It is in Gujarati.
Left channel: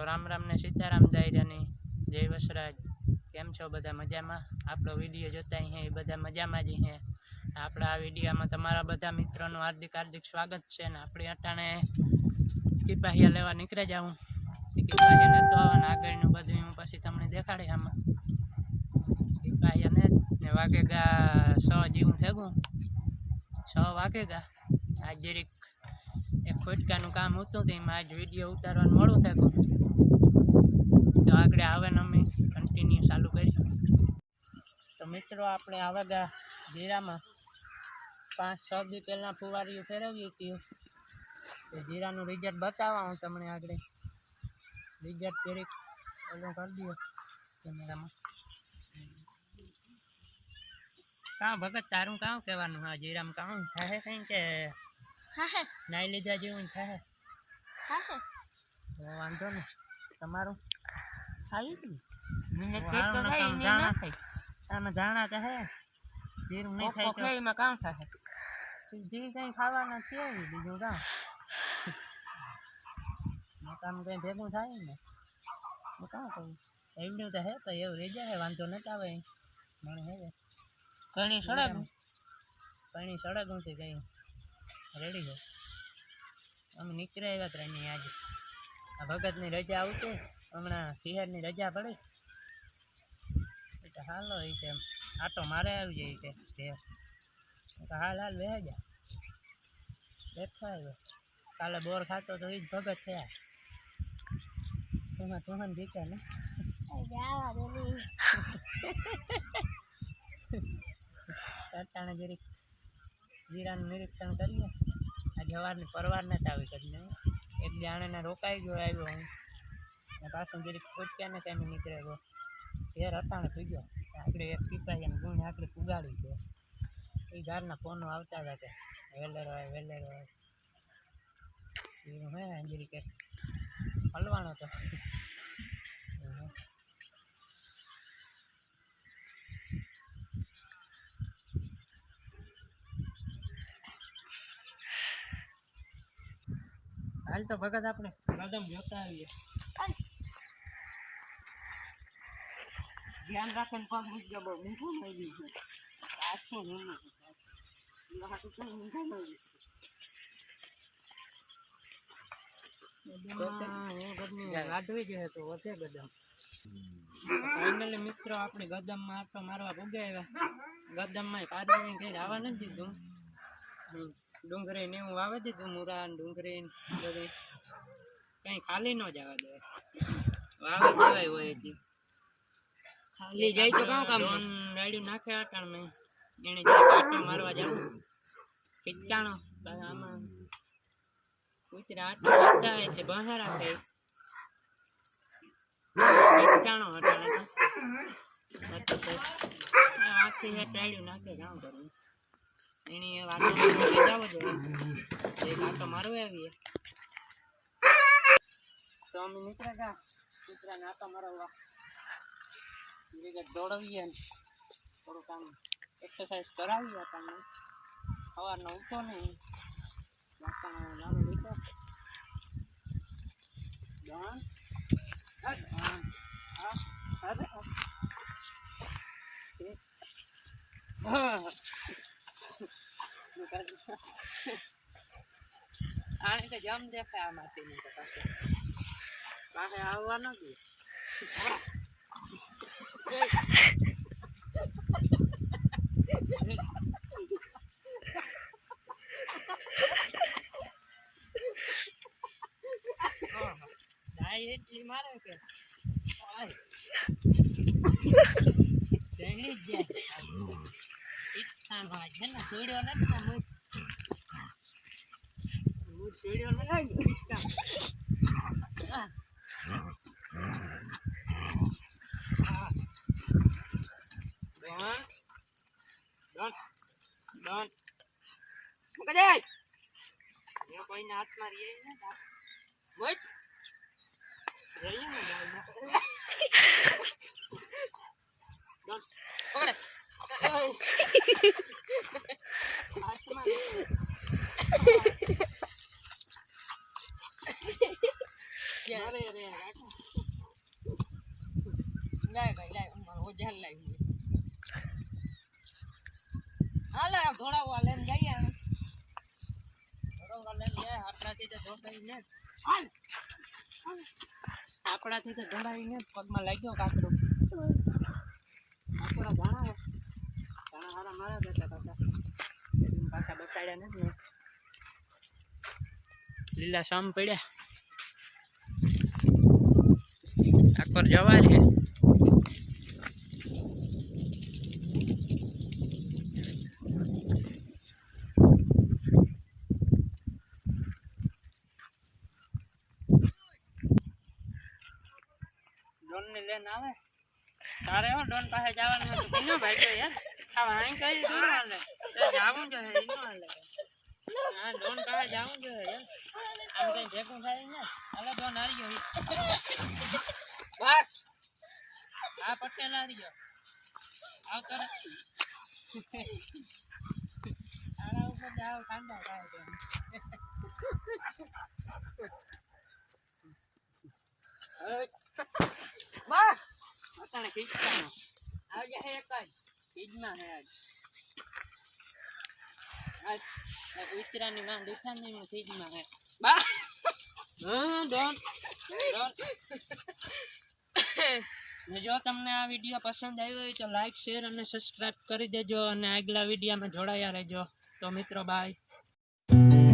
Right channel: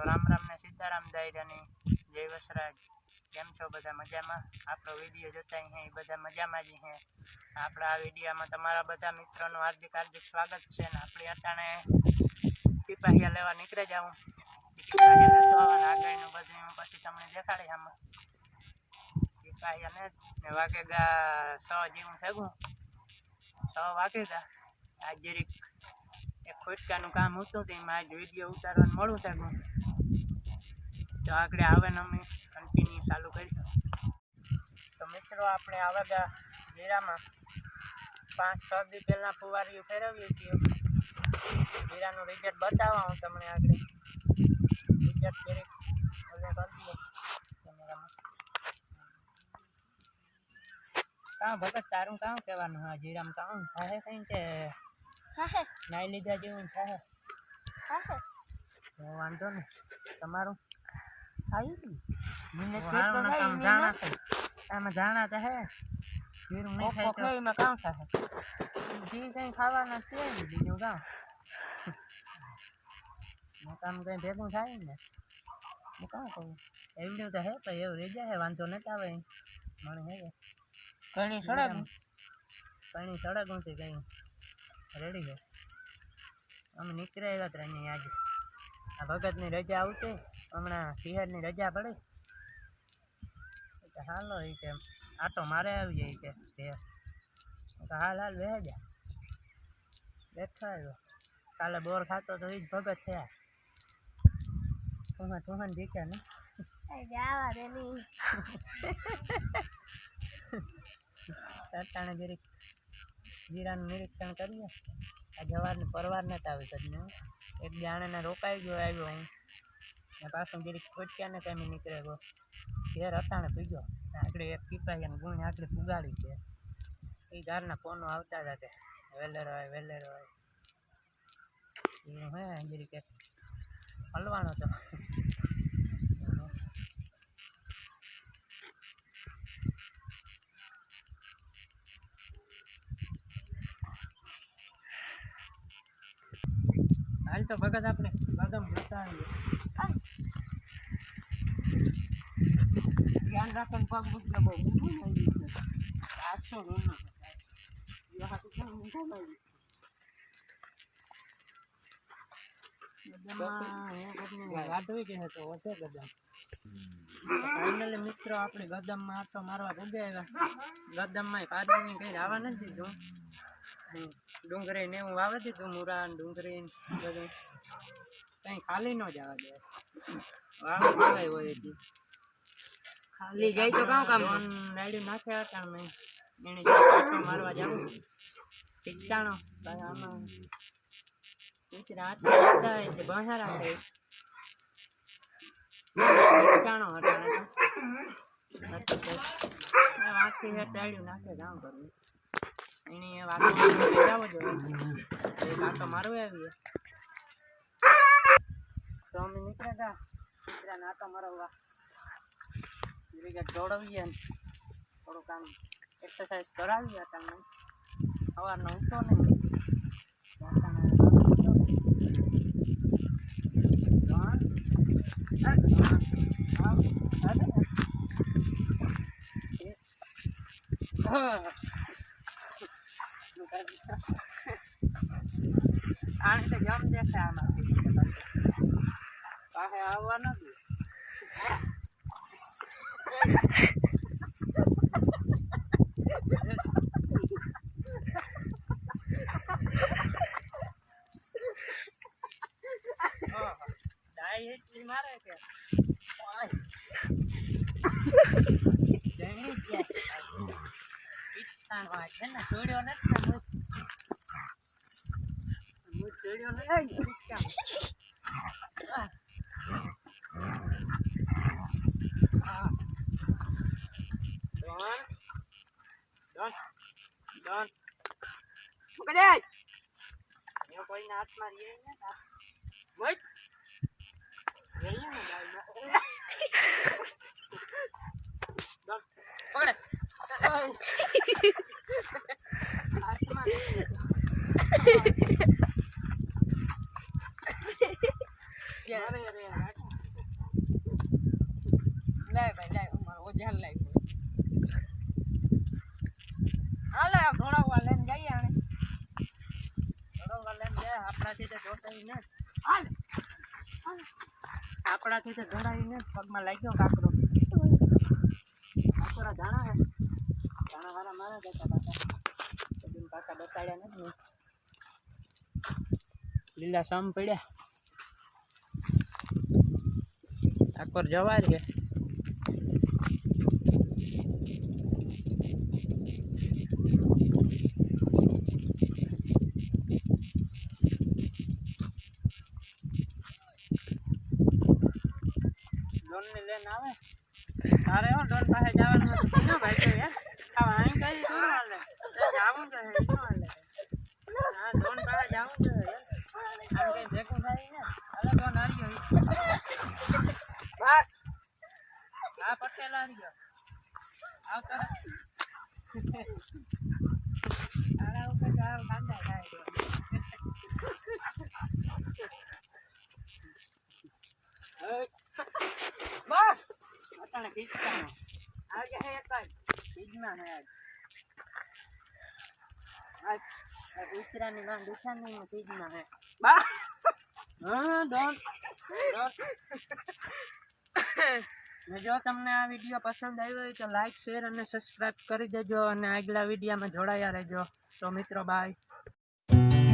તો રામ રામ ને સીતારાम દાયરાની જય વસરાજ। કેમ છો બધા મજામાં? આપણો વિડીયો જોતા હે એ બધા મજામાં જ હે। આપણા આ વિડીયોમાં તમારા બધા મિત્રોનું હાર્દિક સ્વાગત છે ને આપણે અટાણે ટીપાહિયા લેવા નીકળી જાઉં। ટીપાહિયા લેતો આવવાના આગળનું બધું હું પછી તમને દેખાડે આમાં ટીપાહિયા ને વાગેગા 6 જેવું થયું 6 વાગેગા। આજ જરીક એક ખોટકાનું કામ હતું તો એમાં આજ વિડીયો ઉતારવાનું મોડું થયું તો આગળ આવે ને અમે કન્ટિન્યુ ચાલુ કરીશું। તો મિત્રો આપણે આવેગા જીરામાં 5-6 દી પહેલાં ફુવારીઓ ફેરવી હતી તો જીરાનું રિઝલ્ટ બતાવવા હું તમને આગળ રિઝલ્ટ જરીક ઓલું કરી દઈએ કેમેરામાં। કાં ભગત તારું કાં કહેવાનું? હા જીરામાં કામ થાય કંઈ કે નાઈ લીધા જેવું થાય તો વાંધો ને તમારું આમાં જાણા તો હે જીરું નહીં થાય તો એમાં કામ થાય જી કંઈ ખાવાના છે ને બીજું કામ કામ કંઈ ભેગું થાય ને હું કામ કહું એવડું તો હે તો એવું રહી જાય વાંધો નથી આવે મને હે ઘણી સડક નથી કંઈ રેડી છે અમે નીકળ્યા આવ્યા ત્રણે આજે આ ભગતની રજા આવતી હમણાં શહેરની રજા પડે એટલે હાલો એ કે આટો મારે આવી જાય કે હાલ વહે જા બેઠો આવ્યો કાલે બોર ખાતો તો એ જ ભગત થયા તુહાન જીત્યા ને અટાણે જરીક જીરાનું નિરીક્ષણ કરીએ આ જવારની પરવાર નથી આવી કરીને એક જાણેને રોકાઈ ગયો આવ્યો હું ને પાછું જરીક ખોટક્યાને ટાઈમે નીકળે ગયો ઘેર અટાણે પીગ્યો આગળ એક ટીપાહિયાને ગુણ આગળ પુગાડી છે એ ઘરના ફોનો આવતા હતા કે વેલેરો હોય હે જરીક એક હલવાનો તો હાલ તો ભગત આપણે કદમ જોતા આવીએ ધ્યાન રાખીને પગ મૂકજો બહુ ઊંધું થઈ ગયું છે 800 રૂમનું વાઢવી જોઈએ તો વધે ગદમ ફાઇનલી મિત્રો આપણે ગદમમાં આટો મારવા પૂગે આવ્યા ગદમમાં પાડવીને કંઈ આવવા નથી દીધું ડુંગળી ને એવું વાવી દીધું મૂરા ડુંગળી બધું કંઈ ખાલી ન જવા દે વાવી દેવાય હોય એટલે ખાલી જાય તો કામ રાડ્યું નાખે અટાણ મેં એને આટો મારવા જવું પિચકાણો આમાં કૂતરા આટો મારતા હોય એટલે બહાર રાખે પિચકાણો અટાણે તો આખી હેઠ રાડ્યું નાખે કામ કરવું એની વાતો લઈ જાવ જોઈએ એક આટો મારવા આવીએ તો અમે નીકળ્યા ગયા કૂતરાને આટો મારવા દોડાવીએ ને થોડુંક આમ એક્સરસાઇઝ કરાવીએ તમને સવારનો ઉઠો નહીં આને તો જમ દેખાય આમાંથી પાસે આવવા નથી એટલી મારે કે જણી જ જાય છે ને જોડ્યો નથી જોડ્યો નથી કોઈને હાથમાં રહીએ ને પકડે હાલે ધોળાવા લઈને જઈએ અમે ધોળાવા લઈને જાય આપણાથી તો ધોળાઈ ને હાલ આપણાથી તો ધોળાઈ ને પગમાં લાગ્યો કાકરો કાકરા જાણા હે જાણા હારા મારા બેટા કાકા પાછા બતાડ્યા નથી લીલા શામ પડ્યા કાકર જવા છે ડોન ને લઈને આવે તારે હો ડોન પાસે જવાનું હતું કેનો ભાઈ તો યાર આ અહીં કઈ દૂર હાલે તો જાવું જોઈએ ઈનો હાલે હા ડોન પાસે જાવું જોઈએ યાર આમ કઈ ભેગું થાય ને હાલે ડોન હારી ગયો બસ હા પટેલ હારી ગયો આવતો આડા ઉપર જાવ કાંડા થાય તો બસ અટાણે ખીચવાનો આજે હે એક જ ખીચમાં હે આજ ઉતરાની માં દુકાનની માં ખીચમાં હે બા હા ડોન જો તમને આ વિડીયો પસંદ આવ્યો હોય તો લાઈક શેર અને સબસ્ક્રાઇબ કરી દેજો અને આગલા વિડીયોમાં જોડાયા રહેજો તો મિત્રો બાય